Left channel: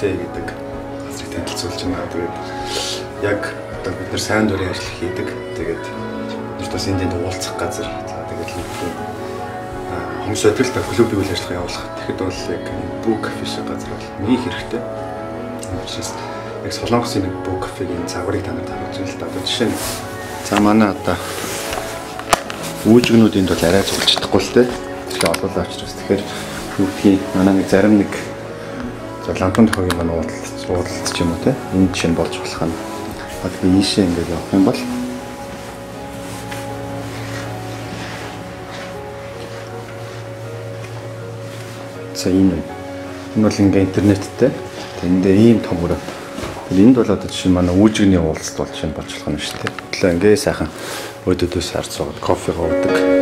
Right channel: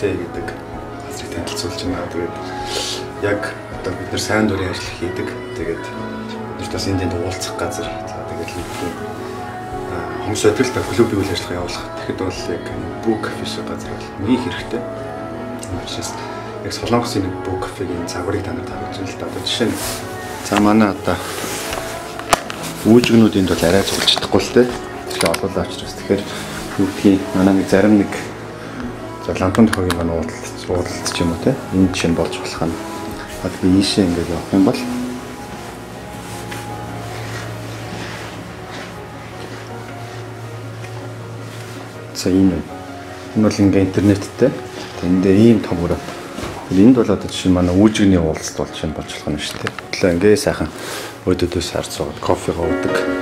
кафе гэдэг газрыг танилцуулж байна. Тэгээд яг одоо бид нар сайн дурын ажил хийдэг. Тэгээд бид бас энд уулзах газар. За тэгээд хүмүүс өдрөлт клубын үйл ажиллагаа явуулах. Тэгэхэд бол яг Бүү кафе шиг газар бол нэг хэрэгтэй. Учраас яг Солонгосын нэг Бүү кафегийн загварыг та нарт харуулж байна л да. Одоо жишээ нь за манай одоо үүжгнүүд энд бол арай зулж чадахгүй л те. Тэгэхээр олоолаа авчирс. Тэгэхээр юу гэдгийг манай нэг зарим нэг за лампын тохиогийн манай уудалт ч юм уу те. Энд чинь болж болох нь. Одоо би ийшээ ингээд явах юм бол за энэ бол ингээ интернеттэй. Энд дээр ийм том өрөө. Энд бол одоо жишээ нь манай үүжгний уулзалт болж байна болж болох нь шүү дээ. Тэглээ ингээ сайхан өдөөдөөс харж суугаад кофегаа уудаг.